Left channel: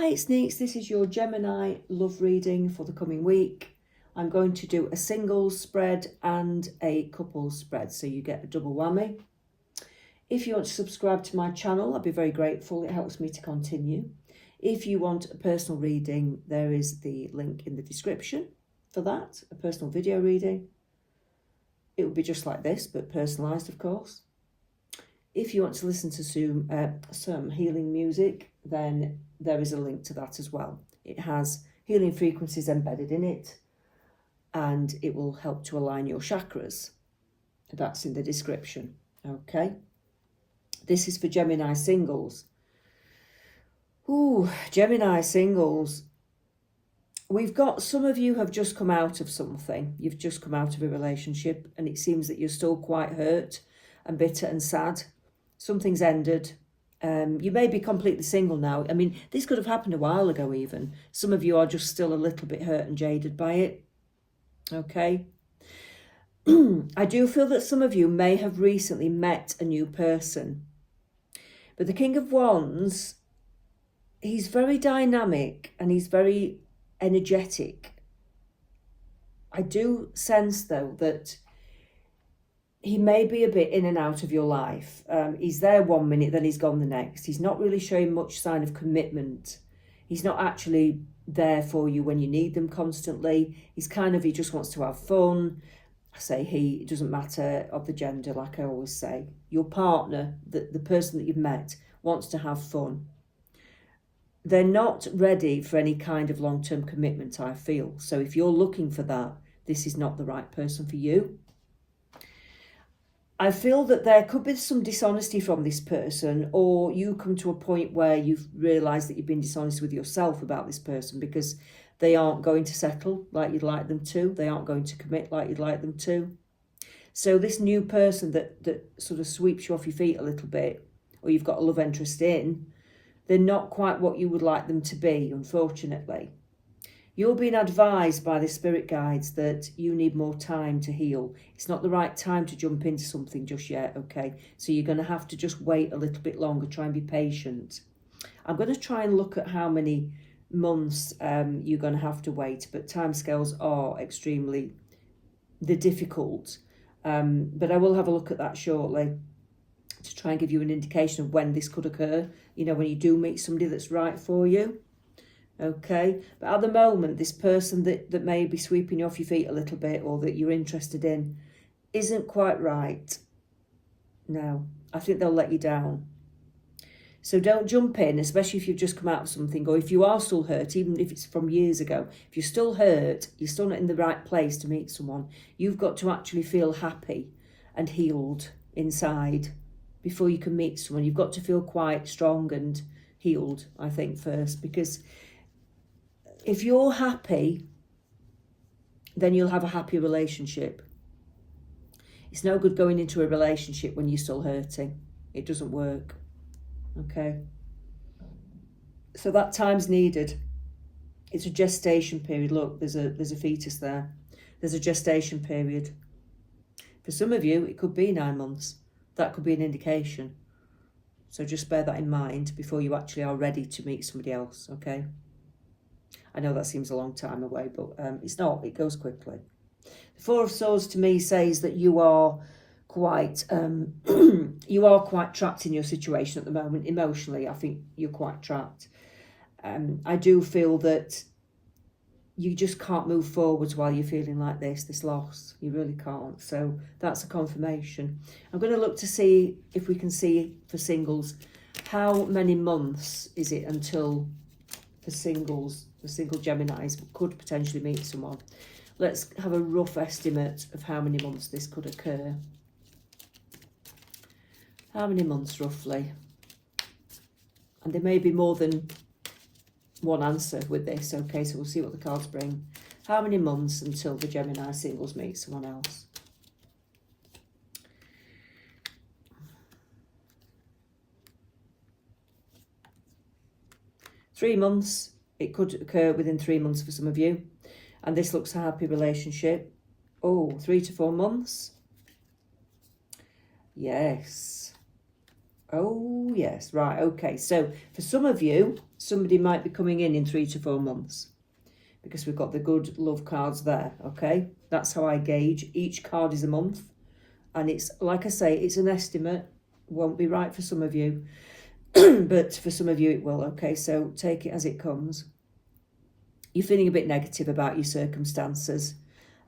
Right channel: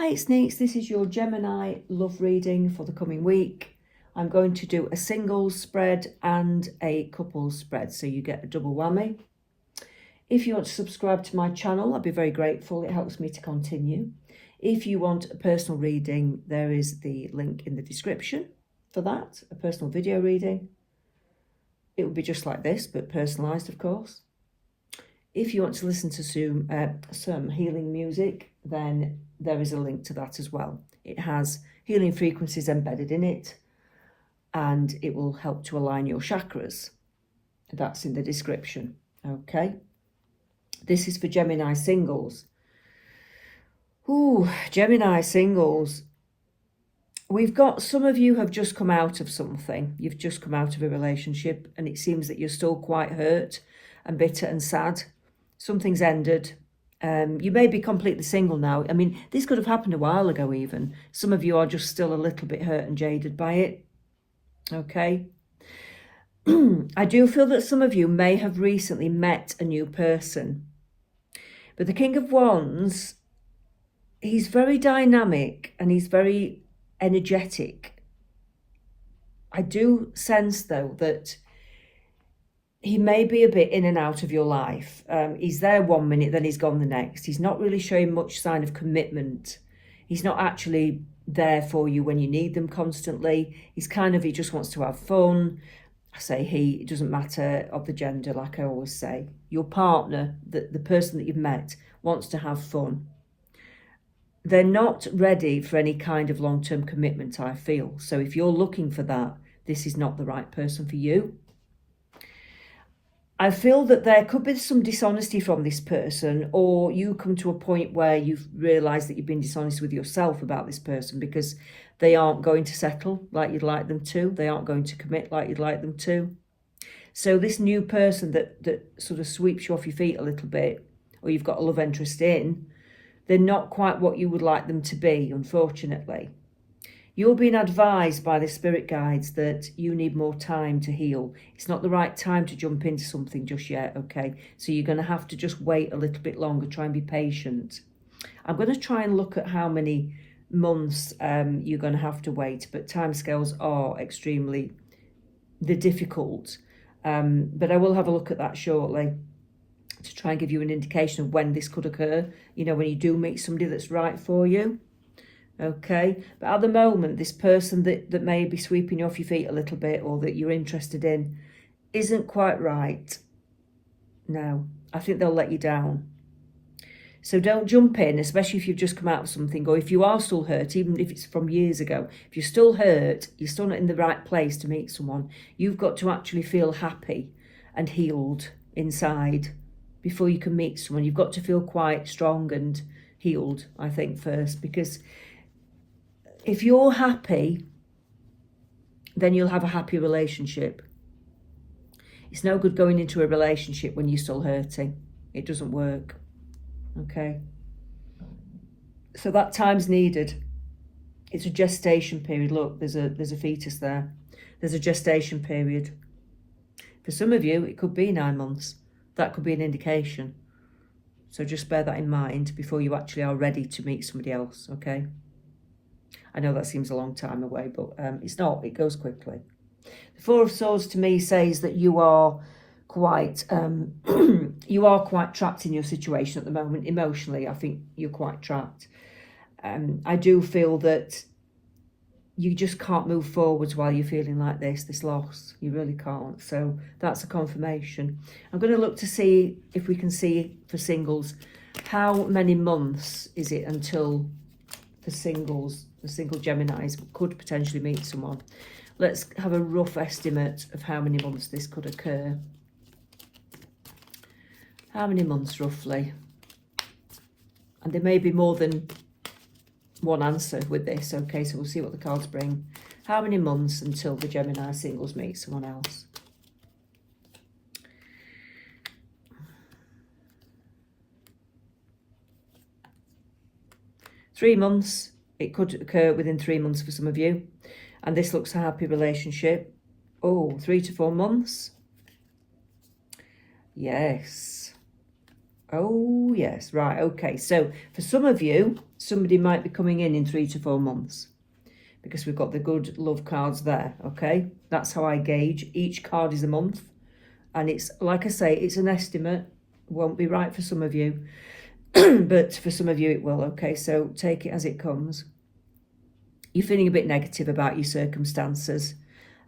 Hi, it's Neets. This is your Gemini love reading for the coming week. I'm going to do a singles spread and a couples spread, so you get a double whammy. If you want to subscribe to my channel, I'd be very grateful. It helps me to continue. If you want a personal reading, there is the link in the description for that, a personal video reading. It would be just like this, but personalised, of course. If you want to listen to some healing music, then there is a link to that as well. It has healing frequencies embedded in it, and it will help to align your chakras. That's in the description, okay? This is for Gemini singles. Ooh, Gemini singles. We've got some of you have just come out of something. You've just come out of a relationship, and it seems that you're still quite hurt and bitter and sad. Something's ended. You may be completely single now. I mean, this could have happened a while ago even. Some of you are just still a little bit hurt and jaded by it. Okay. I do feel that some of you may have recently met a new person. But the King of Wands, he's very dynamic and he's very energetic. I do sense, though, that he may be a bit in and out of your life. He's there 1 minute, then he's gone the next. He's not really showing much sign of commitment. He's not actually there for you when you need them constantly. He just wants to have fun. I say he, it doesn't matter of the gender, like I always say. Your partner, the person that you've met, wants to have fun. They're not ready for any kind of long-term commitment, I feel. So if you're looking for that, this is not the right person for you. I feel that there could be some dishonesty from this person, or you come to a point where you've realised that you've been dishonest with yourself about this person because they aren't going to settle like you'd like them to. They aren't going to commit like you'd like them to. So this new person that sort of sweeps you off your feet a little bit, or you've got a love interest in, they're not quite what you would like them to be, unfortunately. You're being advised by the spirit guides that you need more time to heal. It's not the right time to jump into something just yet, okay? So you're going to have to just wait a little bit longer, try and be patient. I'm going to try and look at how many months you're going to have to wait, but timescales are extremely difficult. But I will have a look at that shortly to try and give you an indication of when this could occur, you know, when you do meet somebody that's right for you. Okay, but at the moment, this person that may be sweeping you off your feet a little bit, or that you're interested in, isn't quite right. No, I think they'll let you down. So don't jump in, especially if you've just come out of something, or if you are still hurt, even if it's from years ago. If you're still hurt, you're still not in the right place to meet someone. You've got to actually feel happy and healed inside before you can meet someone. You've got to feel quite strong and healed, I think, first, because if you're happy, then you'll have a happy relationship. It's no good going into a relationship when you're still hurting. It doesn't work. Okay? So that time's needed. It's a gestation period. Look, there's a fetus there. There's a gestation period. For some of you, it could be 9 months. That could be an indication. So just bear that in mind before you actually are ready to meet somebody else, okay? I know that seems a long time away, but it's not. It goes quickly. The Four of Swords to me says that you are quite trapped in your situation at the moment. Emotionally, I think you're quite trapped. I do feel that you just can't move forwards while you're feeling like this loss. You really can't. So that's a confirmation. I'm going to look to see if we can see for singles, how many months is it until the single Geminis could potentially meet someone. Let's have a rough estimate of how many months this could occur. How many months roughly? And there may be more than one answer with this, okay? So we'll see what the cards bring. How many months until the Gemini singles meet someone else? Three months. It could occur within 3 months for some of you. And this looks a happy relationship. Oh, 3 to 4 months. Yes. Oh, yes. Right. Okay. So for some of you, somebody might be coming in 3 to 4 months, because we've got the good love cards there, okay? That's how I gauge. Each card is a month, and it's, like I say, it's an estimate. Won't be right for some of you, but for some of you it will, okay? So take it as it comes. You're feeling a bit negative about your circumstances.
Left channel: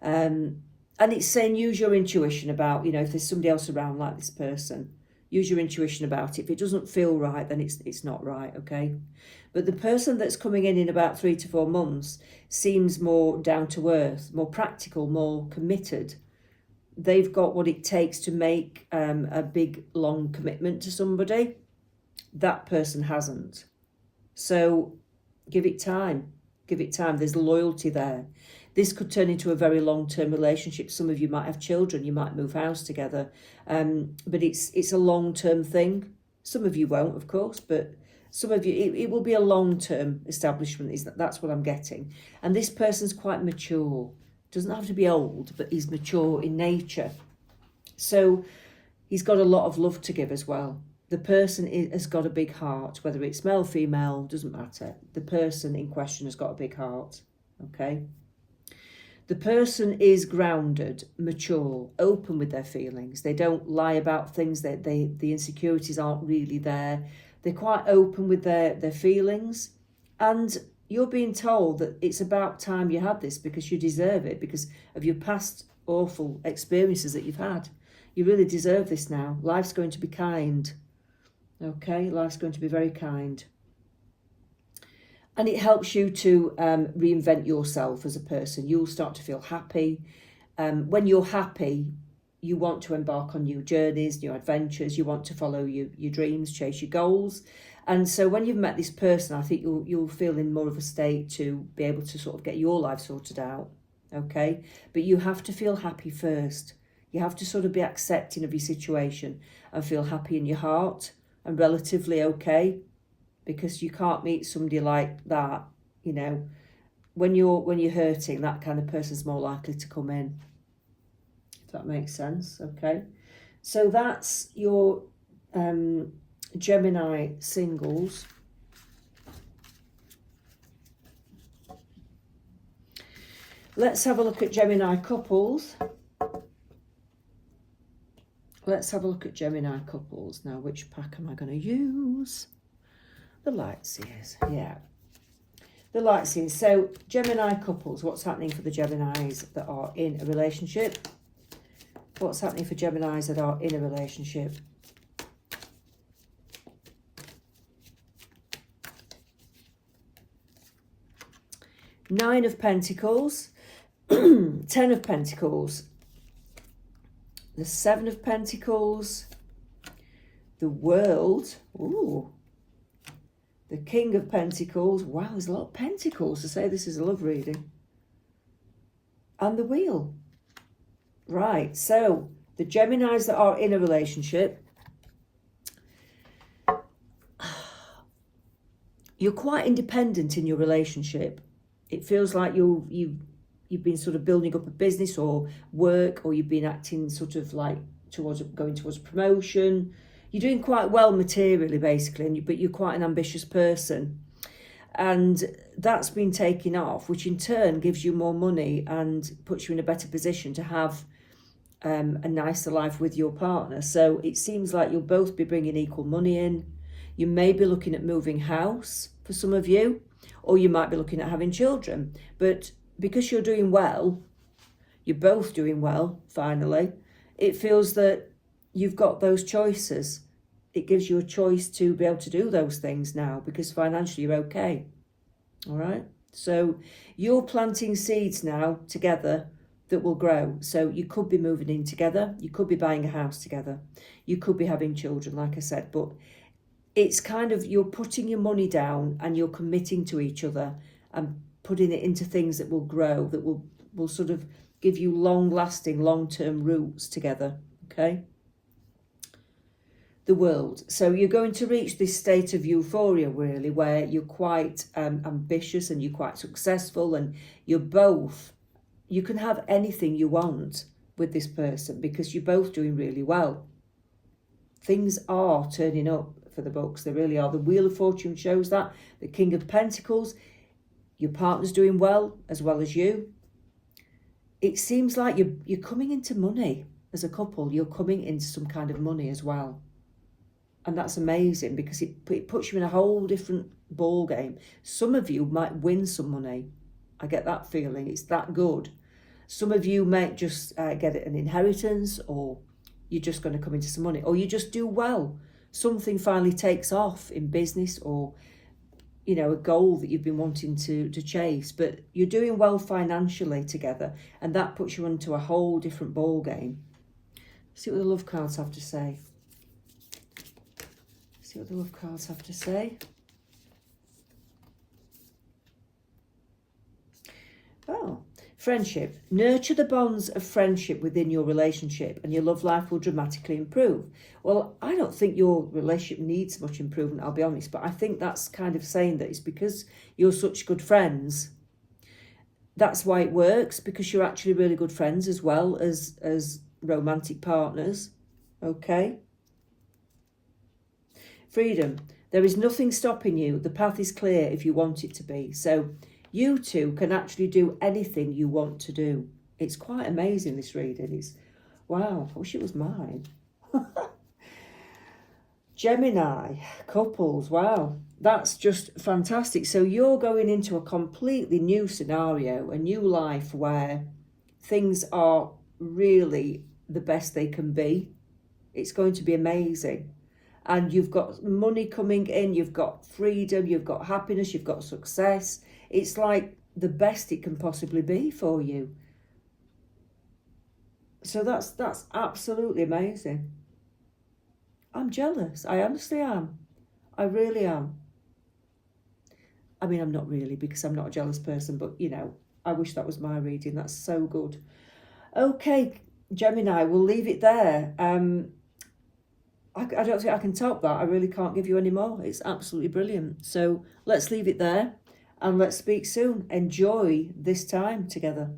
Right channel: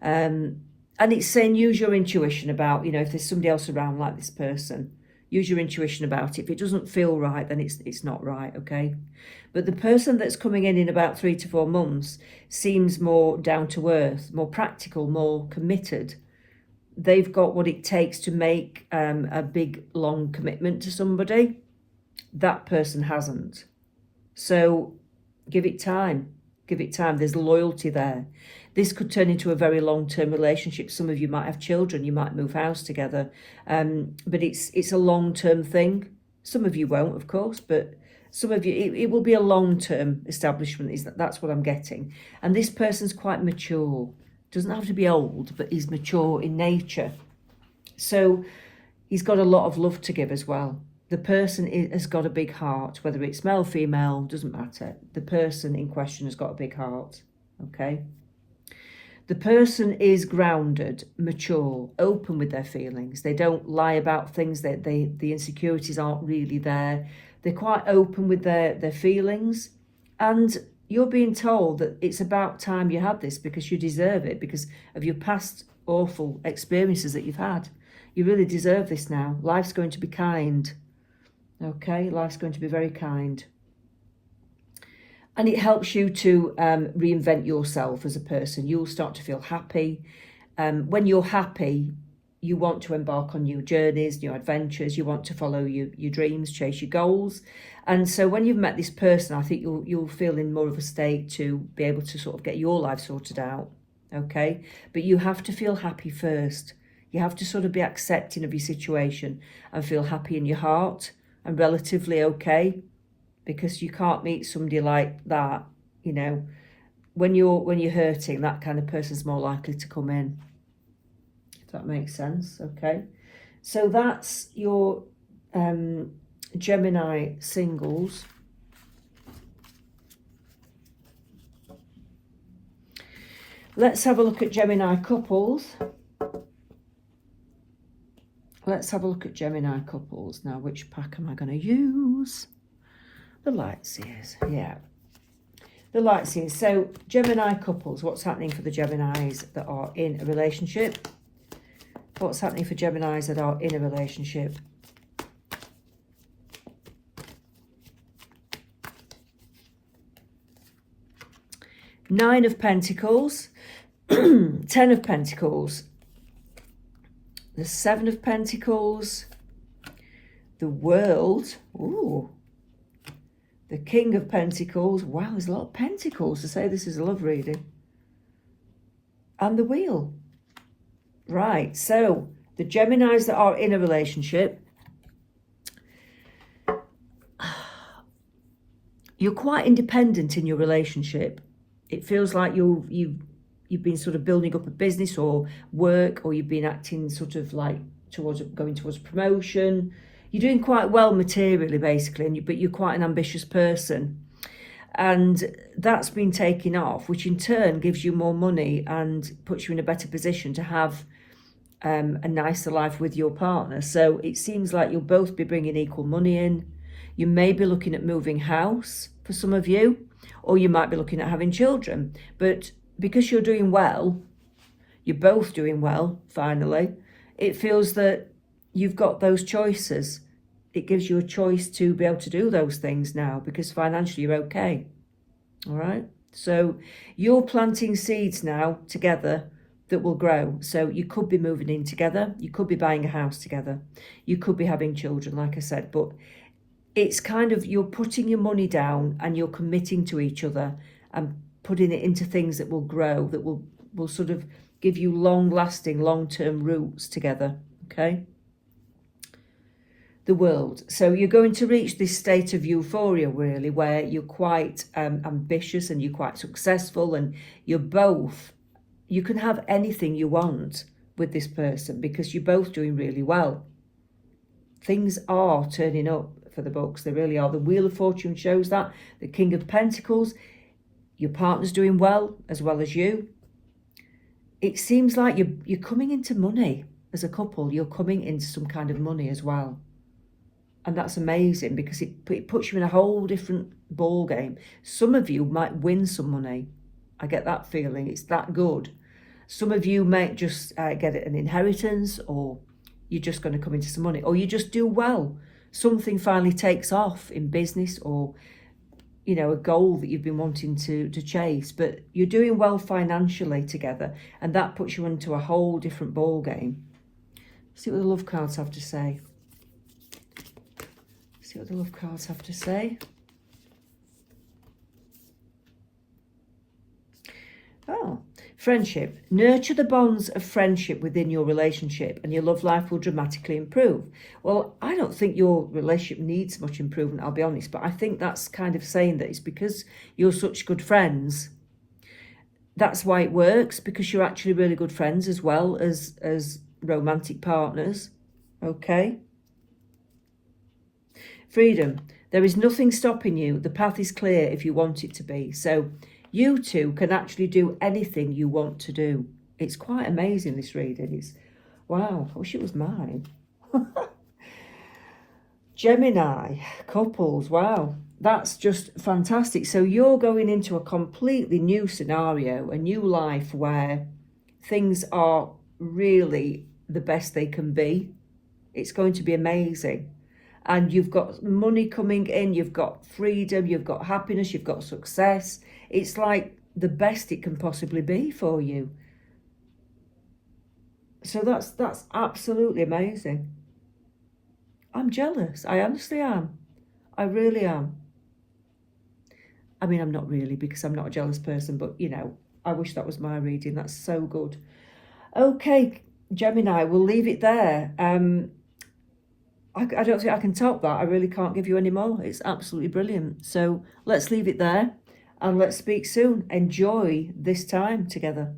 And it's saying use your intuition about, you know, if there's somebody else around like this person, use your intuition about it. If it doesn't feel right, then it's not right, okay? But the person that's coming in about 3 to 4 months seems more down to earth, more practical, more committed. They've got what it takes to make a big, long commitment to somebody. That person hasn't. So give it time. Give it time. There's loyalty there. This could turn into a very long-term relationship. Some of you might have children. You might move house together. But it's a long-term thing. Some of you won't, of course, but some of you, it will be a long-term establishment. That's what I'm getting. And this person's quite mature. Doesn't have to be old, but he's mature in nature. So he's got a lot of love to give as well. The person has got a big heart, whether it's male, female, doesn't matter. The person in question has got a big heart, okay? The person is grounded, mature, open with their feelings. They don't lie about things. The insecurities aren't really there. They're quite open with their feelings. And you're being told that it's about time you had this, because you deserve it, because of your past awful experiences that you've had. You really deserve this now. Life's going to be kind. Okay, life's going to be very kind. And it helps you to reinvent yourself as a person. You'll start to feel happy. When you're happy, you want to embark on new journeys, new adventures. You want to follow your dreams, chase your goals. And so when you've met this person, I think you'll feel in more of a state to be able to sort of get your life sorted out. Okay, but you have to feel happy first. You have to sort of be accepting of your situation and feel happy in your heart and relatively okay, because you can't meet somebody like that, you know, when you're hurting. That kind of person's more likely to come in, if that makes sense. Okay, so that's your Gemini singles. Let's have a look at Gemini couples. Let's have a look at Gemini couples. Now, which pack am I going to use? The light seers, yeah. The light seers. So, Gemini couples, what's happening for the Geminis that are in a relationship? What's happening for Geminis that are in a relationship? Nine of Pentacles, 10 of Pentacles, the 7 of Pentacles, the World, ooh, the King of Pentacles. Wow, there's a lot of Pentacles to say this is a love reading. And the Wheel. Right, so the Geminis that are in a relationship, you're quite independent in your relationship. It feels like you've been sort of building up a business or work, or you've been acting sort of like going towards promotion. You're doing quite well materially, basically, but you're quite an ambitious person. And that's been taken off, which in turn gives you more money and puts you in a better position to have a nicer life with your partner. So it seems like you'll both be bringing equal money in. You may be looking at moving house for some of you, or you might be looking at having children. But because you're doing well, you're both doing well, finally, it feels that you've got those choices. It gives you a choice to be able to do those things now, because financially you're okay. All right? So you're planting seeds now together that will grow. So you could be moving in together. You could be buying a house together. You could be having children, like I said. But it's kind of, you're putting your money down and you're committing to each other and putting it into things that will grow, that will sort of give you long-lasting, long-term roots together, okay? The World. So you're going to reach this state of euphoria, really, where you're quite ambitious and you're quite successful, and you can have anything you want with this person because you're both doing really well. Things are turning up for the books. They really are. The Wheel of Fortune shows that. The King of Pentacles, your partner's doing well as you. It seems like you're coming into money as a couple. You're coming into some kind of money as well. And that's amazing because it puts you in a whole different ball game. Some of you might win some money. I get that feeling. It's that good. Some of you might just get an inheritance, or you're just going to come into some money, or you just do well. Something finally takes off in business, or, you know, a goal that you've been wanting to chase, but you're doing well financially together, and that puts you into a whole different ball game. See what the love cards have to say. See what the love cards have to say. Oh, friendship. Nurture the bonds of friendship within your relationship and your love life will dramatically improve. Well, I don't think your relationship needs much improvement, I'll be honest, but I think that's kind of saying that it's because you're such good friends. That's why it works, because you're actually really good friends as well as romantic partners. Okay? Freedom. There is nothing stopping you. The path is clear if you want it to be. So you two can actually do anything you want to do. It's quite amazing, this reading. It's, wow, I wish it was mine. Gemini, couples, wow. That's just fantastic. So you're going into a completely new scenario, a new life where things are really the best they can be. It's going to be amazing. And you've got money coming in, you've got freedom, you've got happiness, you've got success. It's like the best it can possibly be for you. So that's absolutely amazing. I'm jealous. I honestly am. I really am. I mean, I'm not really, because I'm not a jealous person, but, you know, I wish that was my reading. That's so good. Okay, Gemini, we'll leave it there. I don't think I can top that. I really can't give you any more. It's absolutely brilliant. So let's leave it there and let's speak soon. Enjoy this time together.